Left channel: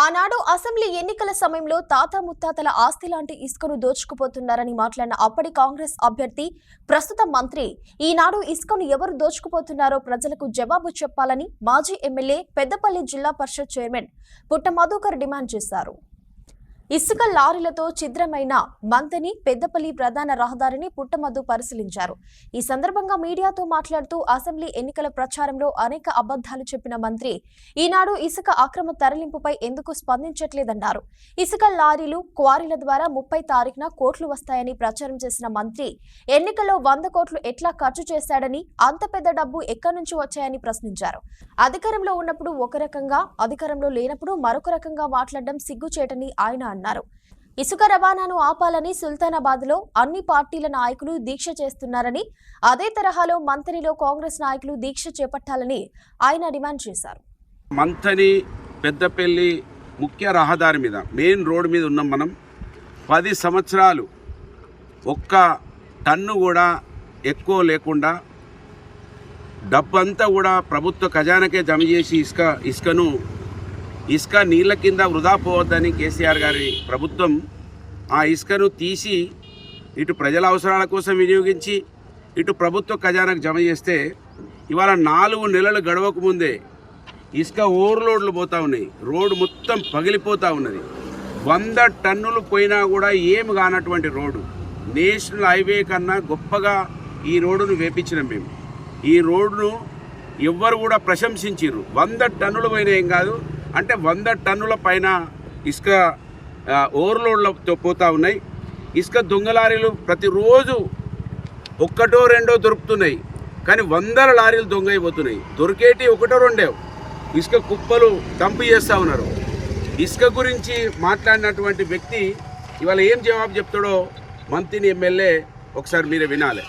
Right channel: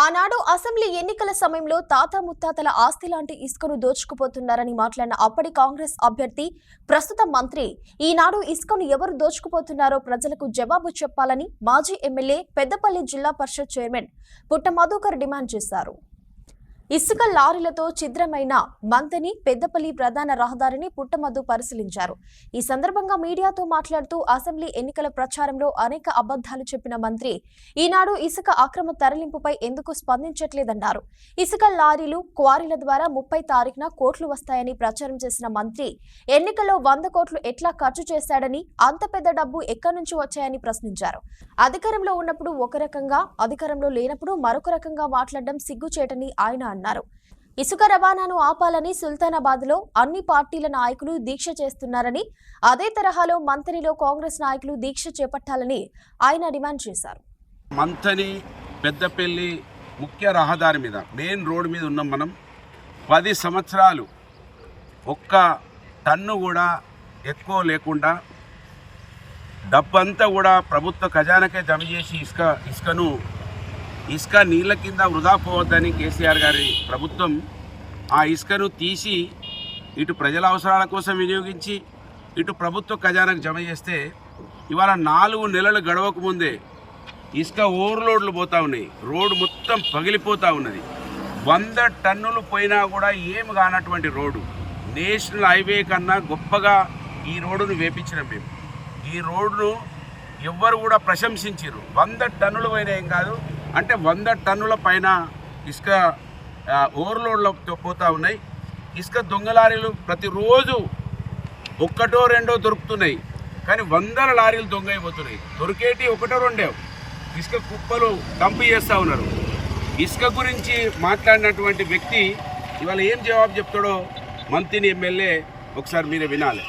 ఆనాడు అసెంబ్లీ ఎన్నికల సమయంలో తాత ముత్తాతల ఆస్తి లాంటి ఇసుకను దోచుకుపోతున్నారని మాట్లాడిన అప్పటి కాంగ్రెస్ అభ్యర్థి ప్రస్తుత మంత్రి ఈనాడు ఇసుకను ఎవరు దోచుకుపోతున్నారో ప్రజలకు జవాబు చెప్పాలని మాజీ ఎమ్మెల్యే పెద్దపల్లి జిల్లా పరిషత్ చైర్మన్ పుట్ట మధుకర్ డిమాండ్ చేశారు. ఇసుక లారీలతో ఛిద్రమైన మంతని పెద్దపల్లి ప్రధాన రహదారిని పుట్టమద్దు పరిశీలించారు. ఈ సందర్భంగా మీడియాతో మాట్లాడుతూ అసెంబ్లీ ఎన్నికల ప్రచారంలో అనేక అబద్ధాలు చెప్పిన మంత్రి ఈనాడు ఇసుక అక్రమ తరలింపుపై ఎందుకు స్పందించట్లేదన్నారు. ఇసుక లారీలు క్వారీల ద్వారా 30 తారీఖున కోట్లు వస్తాయని ప్రచారం చేసిన మంత్రి ఎన్నికల్లో 100 కోట్లు ఎట్లా ఖర్చు చేశాడని, అంత పెద్ద డబ్బు ఎక్కడి నుంచి వచ్చాయని ప్రశ్నించారు. అధికారంలో ఉన్నప్పుడు ఒక రకంగా, అధికారంలో లేనప్పుడు మరొక రకంగా మాట్లాడడం సిగ్గుచేటని ఆయన అన్నారు. ఇసుక రవాణాను ఆపాలని సుల్తానాబాద్ లో అన్ని పార్టీల నాయకులు దీక్ష చేస్తున్నారని, అదే తరహాలో మంథనిలో కాంగ్రెస్ నాయకులు దీక్ష చేపట్టాలని ఆయన డిమాండ్ చేశారు. మంథని పెద్దపల్లి ముఖ్య రహదారి మీద, మెయిన్ రోడ్ మీద ఉన్నాం మనం. 10 సంవత్సరాలు ఒక్క టన్ను కూడా ఎక్కువ లేకుండా డబ్బంతా కూడా ప్రభుత్వ ఖజానాకే జమ చేసి ఇసుక నీళ్ళ కింద వృధా పోవద్దని కేసీఆర్ గారి ప్రభుత్వం ఆ ఇసుకను తీసి ఇటు ప్రజల అవసరాల కోసం వినియోగించి ఇటు ప్రభుత్వ ఖజానాకు జమ చేస్తే ఇవాళ 4 నెలలు గడవక ముందే ఇసుక ఓవర్లోడ్లు పోతూ ఉన్నాయి. రోడ్డు మొత్తం పగిలిపోతూ ఉన్నది. 100 టన్నులు పోయినా కూడా ఏమి కానటువంటి రోడ్డు, నేషనల్ హైవే కన్నా గొప్పగా ఈ రోడ్డును వేపించినాం మేము. ఈ రోడ్డును ఎవ్వరు కూడా ప్రశంసించారు. 100 టన్నులు పోయినా ఏం కాదు అంటే 100 టన్నుల పైన ఇసుక ఓవర్లోడ్లతో పోతూ ఉన్నాయి. ఇసుక దొంగలారీలు ప్రతిరోజు ఒక్కటో రెండో దొరుకుతున్నాయి, కానీ 100 లారీలు దొంగ అయిపోతున్నాయి. దొరికేటి ఒకటో రెండో ఇసుక కుప్పలు డంప్ చేస్తూ ఉన్నారు. ఇసుక గురించి మాట్లాడినటువంటి వ్యక్తి ఇవాళ ఏం జవాబు చెప్తాడో మంత్రిని ఎమ్మెల్యే ఒకసారి మీరే వినాలి.